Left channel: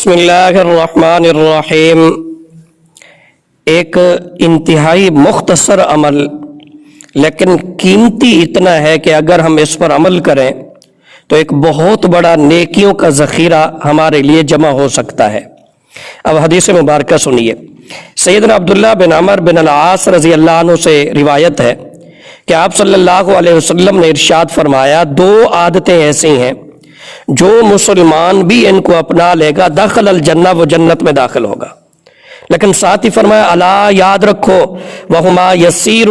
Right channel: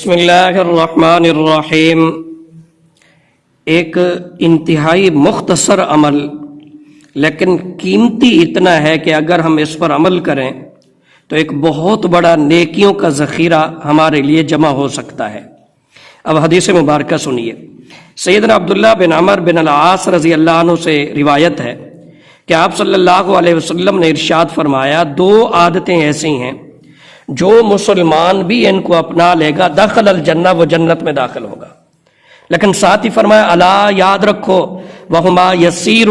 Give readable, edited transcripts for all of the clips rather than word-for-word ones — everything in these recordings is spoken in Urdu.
بسم اللہ الرحمن الرحیم۔ ایک انتہائی مختصر عمل لیکن قیمتی اتنا ہے کہ اگر ہم اس پر عمل کریں تو ایک بہت بڑا نیکیوں کا ذخیرہ ہمارے لیے جمع ہو سکتا ہے۔ اب حدیث مبارکہ سنیے۔ سیدنا عبداللہ بن عمر بن العاص رضی اللہ عنہ سے روایت ہے کہ آپ صلی اللہ علیہ وسلم نے ارشاد فرمایا، دو عادتیں ایسی ہیں جو مسلمان بھی ان کو اپنا لے گا دخل الجنہ، وہ جنت میں داخل ہوگا۔ لیکن ساتھ ہی فرمایا الا، یاد رکھو، وہما یسیر،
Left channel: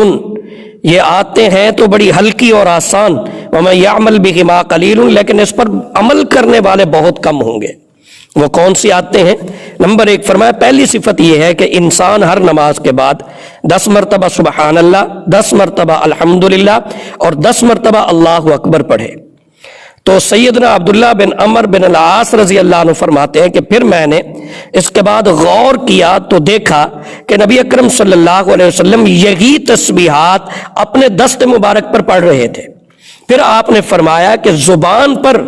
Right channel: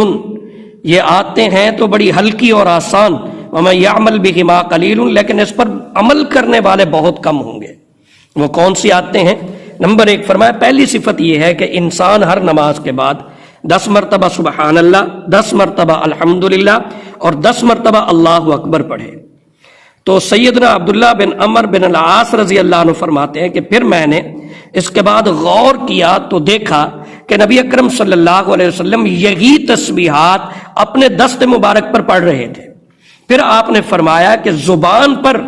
یہ آتے ہیں تو بڑی ہلکی اور آسان، ومن یعمل بہما قلیل، لیکن اس پر عمل کرنے والے بہت کم ہوں گے۔ وہ کون سی آتے ہیں؟ نمبر 1 فرمایا، پہلی صفت یہ ہے کہ انسان ہر نماز کے بعد 10 مرتبہ سبحان اللہ، 10 مرتبہ الحمدللہ اور 10 مرتبہ اللہ اکبر پڑھے۔ تو سیدنا عبداللہ بن عمر بن العاص رضی اللہ عنہ فرماتے ہیں کہ پھر میں نے اس کے بعد غور کیا تو دیکھا کہ نبی اکرم صلی اللہ علیہ وسلم یہی تسبیحات اپنے دست مبارک پر پڑھ رہے تھے۔ پھر آپ نے فرمایا کہ زبان پر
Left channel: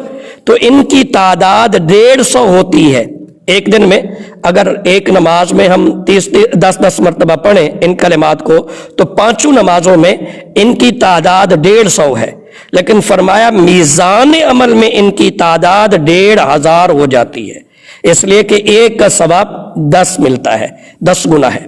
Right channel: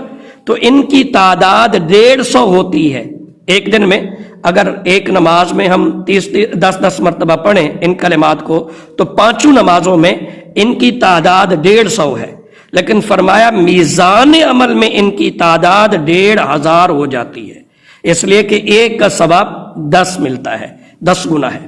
تو ان کی تعداد 150 ہوتی ہے۔ ایک دن میں اگر ایک نماز میں ہم 10 مرتبہ پڑھیں ان کلمات کو تو 5 نمازوں میں ان کی تعداد 150 ہے، لیکن فرمایا میزان عمل میں ان کی تعداد 1500 ہو جاتی ہے، اس لیے کہ ایک کا ثواب 10 ملتا ہے، 10 گنا ہے۔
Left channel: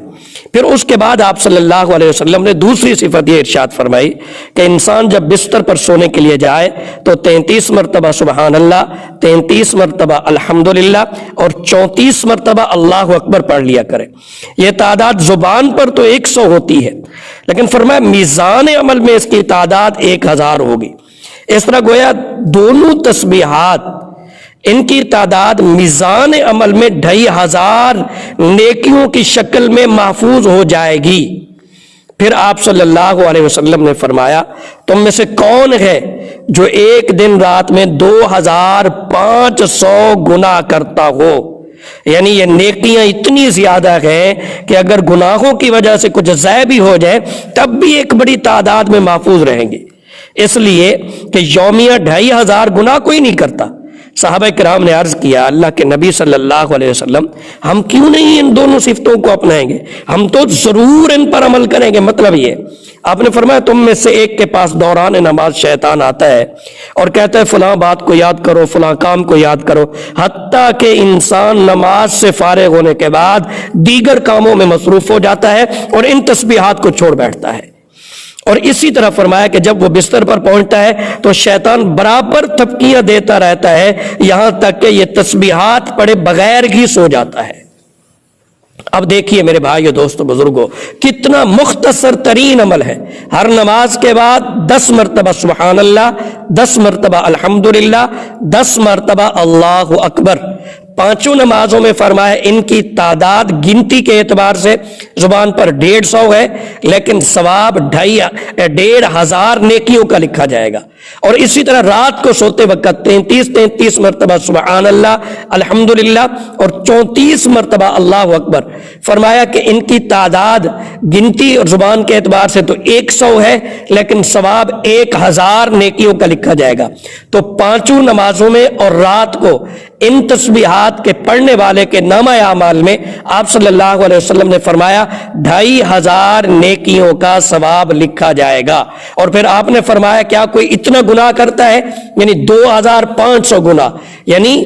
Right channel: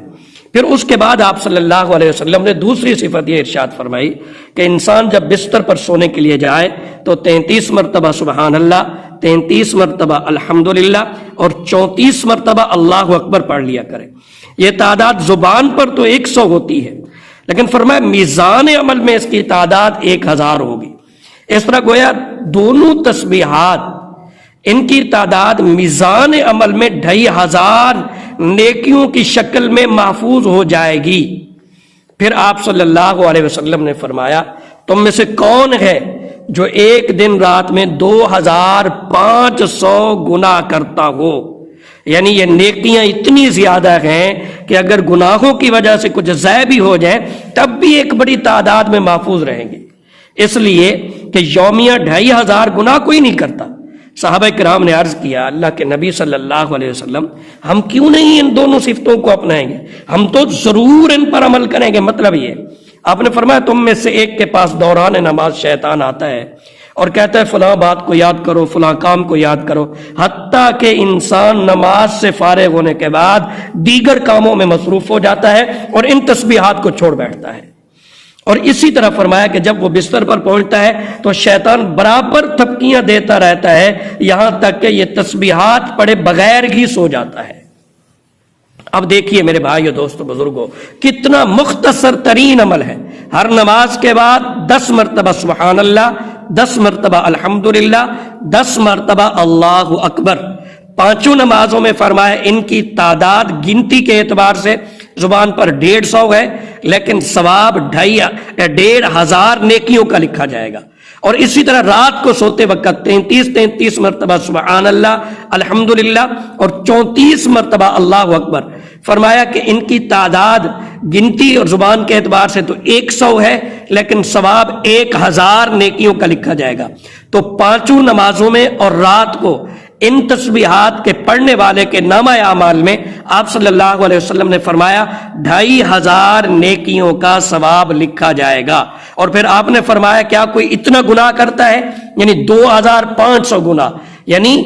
پھر اس کے بعد آپ صلی اللہ علیہ وسلم نے دوسری صفت یہ ارشاد فرمائی کہ انسان جب بستر پر سونے کے لیے جائے تو 33 مرتبہ سبحان اللہ، 33 مرتبہ الحمدللہ اور 34 مرتبہ اللہ اکبر پڑھ لیا کرے۔ یہ تعداد زبان پر تو 100 ہوتی ہے، لیکن فرمایا میزان عمل میں اس کی تعداد 1000 ہوگی۔ اس طرح گویا دونوں تسبیحات ان کی تعداد میزان عمل میں 2500 نیکیوں کی شکل میں محفوظ ہو جائے گی۔ پھر آپ صلی اللہ علیہ وسلم نے فرمایا، تم میں سے کون ہے جو ایک دن رات میں 2500 گناہ کرتا ہو؟ یعنی یہ نیکیاں اتنی زیادہ ہیں کہ اگر گناہوں کی وجہ سے کچھ ضائع بھی ہو جائے تب بھی ایک بڑی تعداد میں محفوظ رہیں گے، اس لیے کہ یومیہ 2500 گناہ کوئی نہیں کرتا۔ صحابہ کرام نے عرض کیا، اللہ کے نبی صلی اللہ علیہ وسلم، ہم کیوں نہیں ان دونوں صفتوں کو اپنائیں گے؟ ہم تو ضرور ان پر عمل کریں گے۔ مطلب یہ آپ نے فرمایا، تم میں سے ایک کے پاس دوران نماز شیطان آتا ہے اور کہتا ہے فلاں بات کو یاد کرو، فلاں کام کو یاد کرو، حتیٰ کہ انسان نماز سے فارغ ہونے کے بعد دیگر کاموں میں مصروف ہو جاتا ہے اور ان تسبیحات کو چھوڑ بیٹھتا ہے۔ اور اسی طرح فرمایا کہ جب وہ بستر پر پہنچتا ہے تو شیطان برابر تھپکیاں دیتا رہتا ہے یہاں تک کہ یہ تسبیحات پڑھے بغیر ہی سو جاتا ہے۔ اب دیکھیے میرے بھائیو، دوستو، بزرگوں، کتنا مختصر ترین عمل ہے۔ ہر نماز کے بعد 10 مرتبہ سبحان اللہ، 10 مرتبہ الحمدللہ، 10 مرتبہ اللہ اکبر۔ 5 نمازوں میں فرمایا ان کی تعداد گنتی کے اعتبار سے زبان پر 150 ہے، لیکن ثواب 1500 نیکیوں کا لکھا جائے گا۔ اور اسی طرح رات کو سوتے وقت 33 مرتبہ سبحان اللہ، الحمدللہ اور 34 مرتبہ اللہ اکبر۔ فرمایا کہ ان کی تعداد گنتی اور زبان کے اعتبار سے تو 100 ہے، لیکن ثواب 1000 نیکیوں کا لکھا جائے گا۔ تو 5 نمازوں میں اور رات کو ان تسبیحات کے پڑھنے والے کے نامہ اعمال میں آپ صلی اللہ علیہ وسلم نے فرمایا 2500 نیکیوں کا ثواب لکھا جائے گا۔ اور پھر آپ نے فرمایا کیا کوئی اتنا گناہ کرتا ہے؟ یعنی 2500 گناہ، یعنی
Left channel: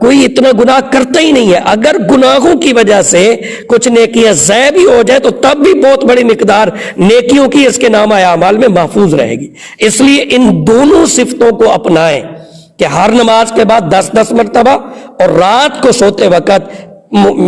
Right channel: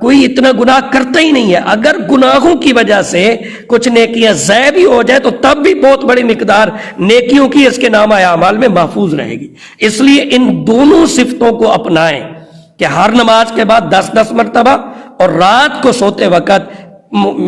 کوئی اتنا گناہ کرتا ہی نہیں ہے۔ اگر گناہوں کی وجہ سے کچھ نیکیاں ضائع بھی ہو جائے تو تب بھی بہت بڑی مقدار نیکیوں کی اس کے نامہ اعمال میں محفوظ رہے گی۔ اس لیے ان دونوں صفتوں کو اپنائیں کہ ہر نماز کے بعد 10 مرتبہ اور رات کو سوتے وقت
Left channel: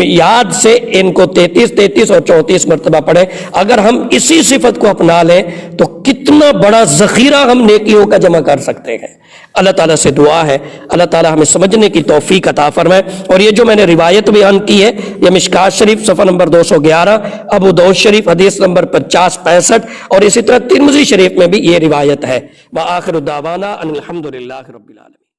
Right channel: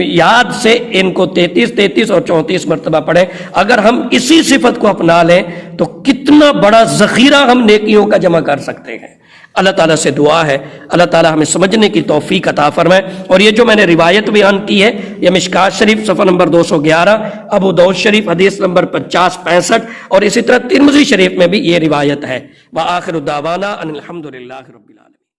یاد سے ان کو 33 اور 34 مرتبہ پڑھیں۔ اگر ہم اسی صفت کو اپنا لیں تو کتنا بڑا ذخیرہ ہم نیکیوں کا جمع کر سکتے ہیں۔ اللہ تعالیٰ سے دعا ہے اللہ تعالیٰ ہمیں سمجھنے کی توفیق عطا فرمائے۔ اور یہ جو میں نے روایت بیان کی ہے یہ مشکات شریف صفحہ نمبر 211، ابو داؤد شریف حدیث نمبر 5065 اور اسی طرح ترمذی شریف میں بھی یہ روایت ہے۔ وآخر دعوانا ان الحمدللہ رب العالمین۔